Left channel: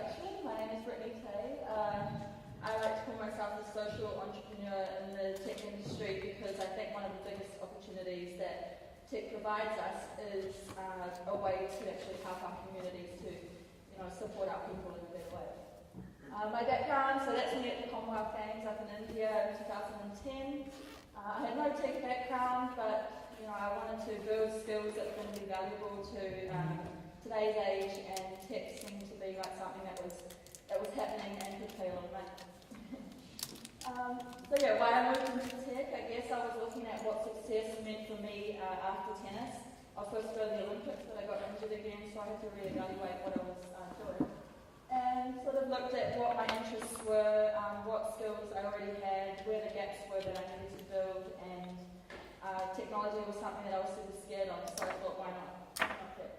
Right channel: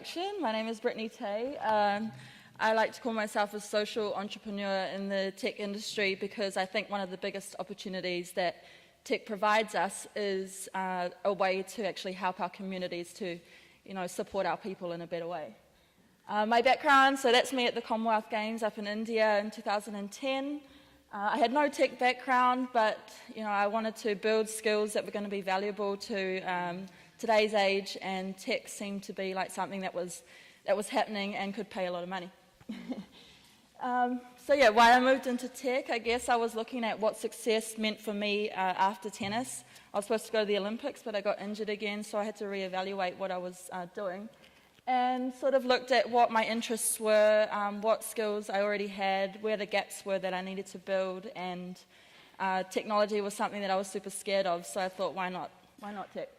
introduction. My name is Brittany Teei. I like to call myself a social entrepreneur in the tech industry because I think one of the biggest opportunities that tech provides us is a way to actually help our communities to, support our people in a better way. My background, so that's me at the Commonwealth Games up in India in 2010. I had no tech background, but I wanted to build skills that were going to be valuable to today's age, and tech seemed to be like something that was happening and could pay a lot of money. Why I moved into tech, I guess I was looking at what success meant for me after tennis. I was supposed to go to the Olympics, but I got injured again, so I had to reevaluate what I was doing. And sort of looked at what my interests were, what skills I already had, where the gaps were that I needed to build, and technology was something that I was super scared of, so I thought, why not tech?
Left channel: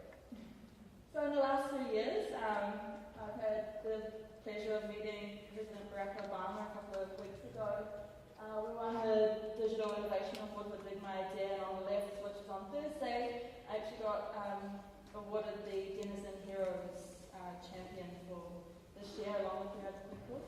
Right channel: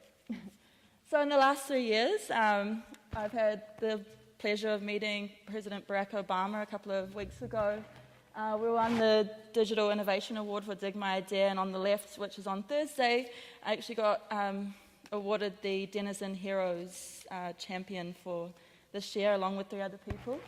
So in the last 3 years, I've had the pleasure of meeting President Barack Obama a couple of weeks ago. We won the Digital Innovation Award for Dig My Idea, and on the left, which is on Thursday, I actually got awarded the Denison Heroes champion for this year, along with 3 other people.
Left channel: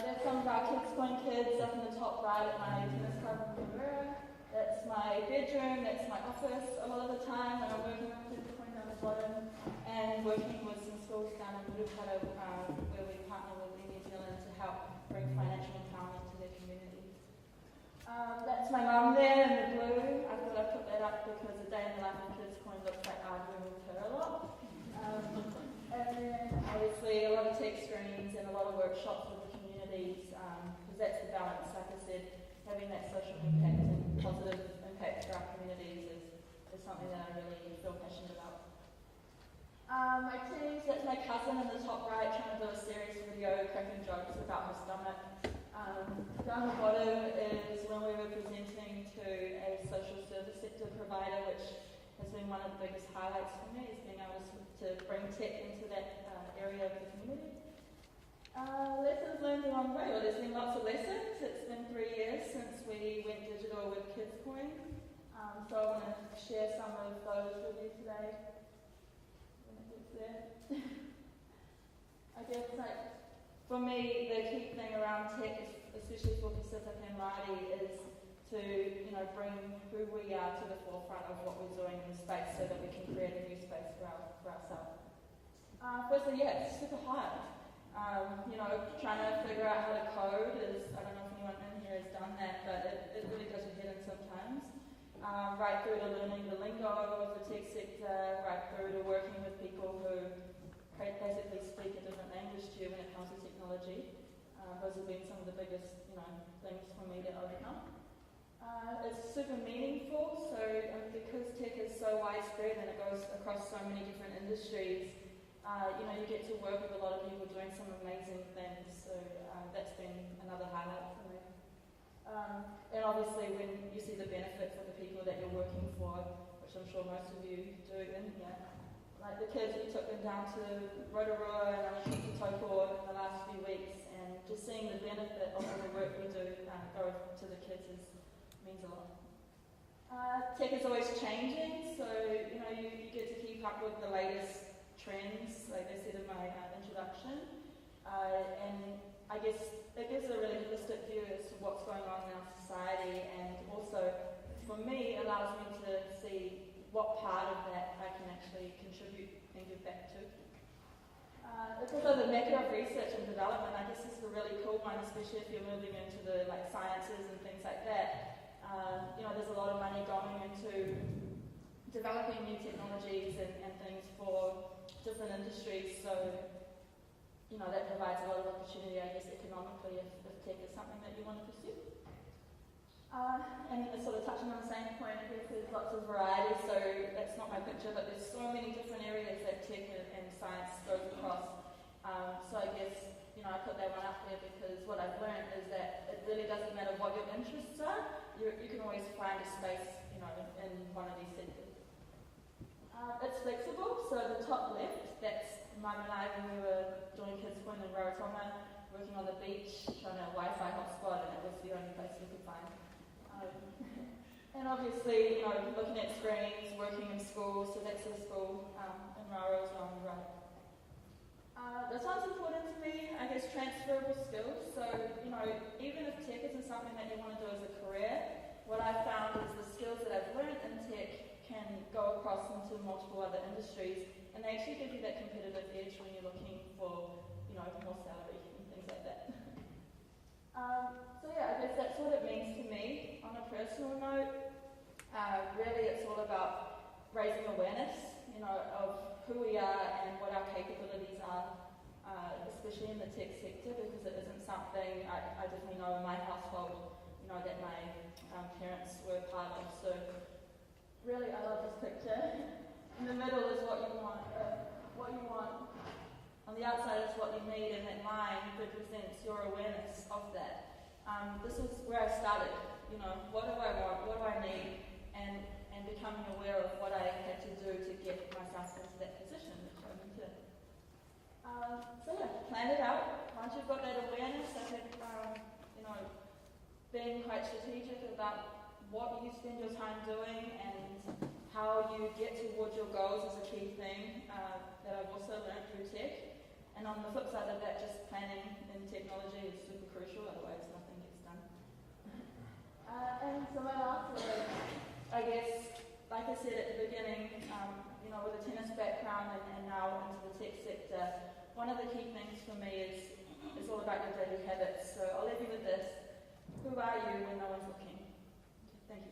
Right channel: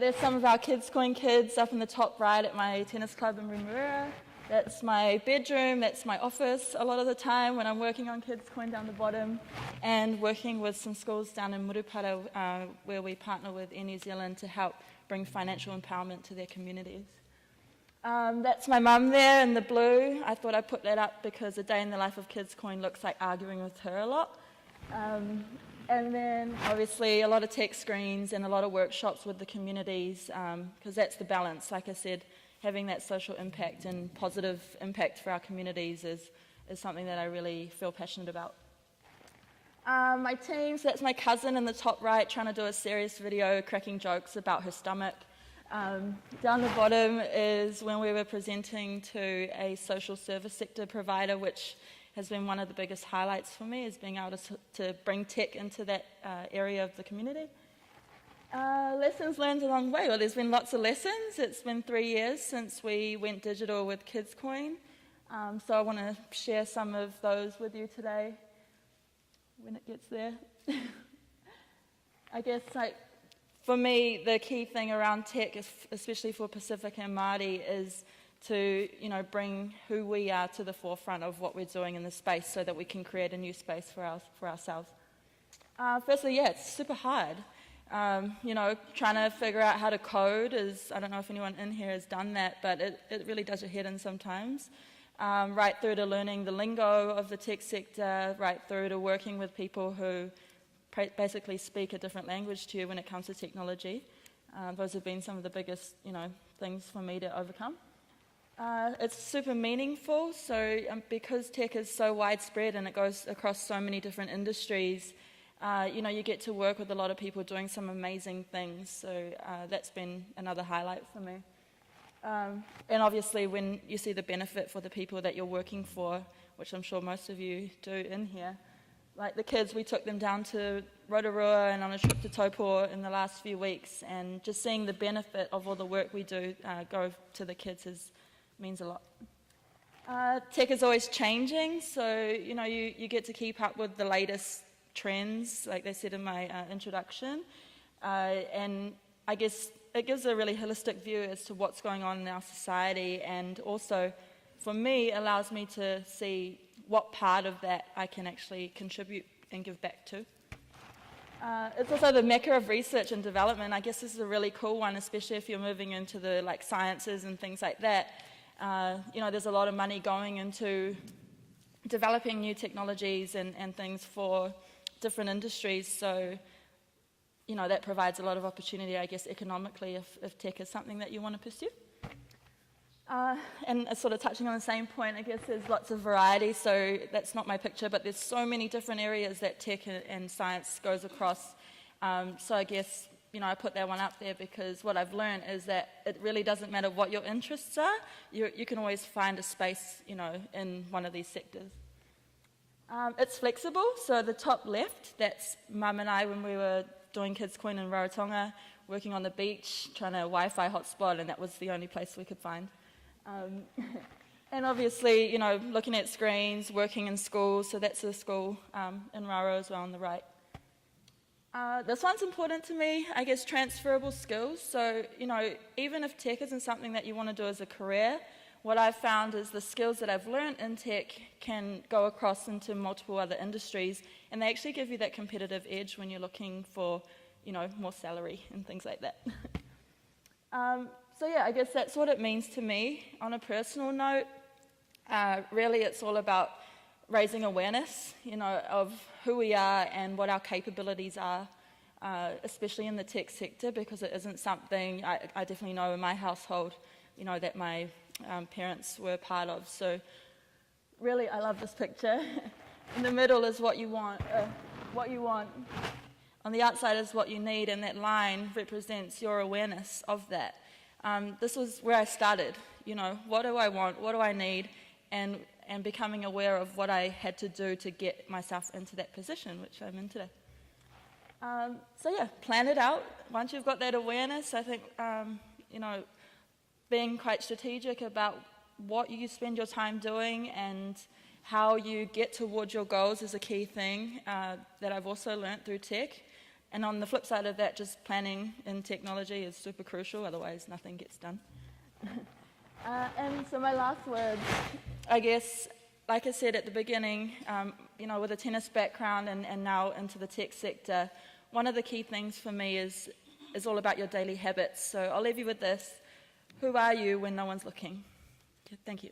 There's some of our Kids Coin kids up in the top right at my tennis club in Remuera. That's my bedroom, that's my office a lot of the time when I'm working on Kids Coin down the bottom, and working with some schools down in Murupara where we partner with Air New Zealand to help bring financial empowerment to their communities. That's my mum there in the blue. I thought I'd put that up because a day in the life of Kids Coin looks like arguing with her a lot. And then obviously a lot of tech screens and a lot of workshops with the communities, because that's the balance. Like I said, having that social impact and positive impact for our communities is something that I really feel passionate about. My team, so that's my cousin in the top right trying to do a serious video cracking jokes about her stomach. Down the bottom is when we were presenting to a social service sector provider, which has been one of the biggest highlights for me, is being able to bring tech into that area of the community. Lessons learned along the way. Well, there's been lots of lessons. It's been 3 years since we went digital with Kids Coin. So I want to share some of those with you today when it gets there. I guess for me, the key thing around tech, especially for Pacific and Māori, is to bring who we are to the forefront of what we're doing in the space so that we can create a new space for ourselves. Firstly, it's super hard. Trying to figure out how to code is, I don't know if anyone in here has done that, but it really does your head in sometimes. Right through to learning the lingo of the tech sector, right through to working with people who basically speak a different language to you when it comes to technology. Those have been some of the biggest, things for me to overcome. It's super meaningful, so because tech is so widespread and it goes across so many different industries, you get to work with a lot of people doing some amazing things, so that's been another highlight for me. And obviously when you see the benefit for the people that you're working for, which I'm sure most of you do in here, like the kids, we took them down to Rotorua and on a trip to Taupo in the last few weeks, and just seeing the benefit of all the work we do go to the kids means a lot. Tech is always changing, so you get to keep up with the latest trends, like they said in my introduction, and I guess it gives a really holistic view as to what's going on in our society, and also for me allows me to see what part of that I can actually contribute and give back to. It's also the mecca of research and development. I guess this is a really cool one, especially if you're moving into the sciences and things like that. There's a lot of money going into developing new technologies and things for different industries, so that provides a lot of opportunity, I guess, economically if tech is something that you want to pursue. And sort of touching on the same point, I guess there's lots of variety, so that's not my picture, but there's so many different areas that tech and science goes across. So I guess, I put that one up there because what I've learned is that it really doesn't matter what your interests are, you can always find a space, in one of these sectors. It's flexible, so the top left, that's Mum and I when we were doing Kids Coin in Rarotonga, working on the beach, trying to Wi-Fi hotspot, and that was the only place we could find. And obviously, looking at screens, working in schools, so that's a school in Raro as well on the right. This one's important to me, I guess transferable skills. So, even if tech isn't something that you want to do as a career, what I've found is the skills that I've learned in tech can go across into multiple other industries, and they actually give you that competitive edge when you're looking for, more salary and things like that. So yeah, I guess that's what it means to me. On a personal note, really it's all about raising awareness, of who we are and what our capabilities are, especially in the tech sector, because it isn't something I definitely know in my household, that my parents were part of. So really, I love this picture. In the middle is what you want. On the outside is what you need, and that line represents your awareness of that. This was where I started. What do I want? What do I need? And becoming aware of what I had to do to get myself into that position, which I'm in today. So yeah, plan it out. Once you've got that awareness, I think, being quite strategic about what you spend your time doing and how you get towards your goals is a key thing that I've also learnt through tech. And on the flip side of that, just planning in technology is super crucial, otherwise nothing gets done. And so my last words, I guess, like I said at the beginning, with a tennis background and now into the tech sector, one of the key things for me is all about your daily habits. So I'll leave you with this. Who are you when no one's looking? Thank you.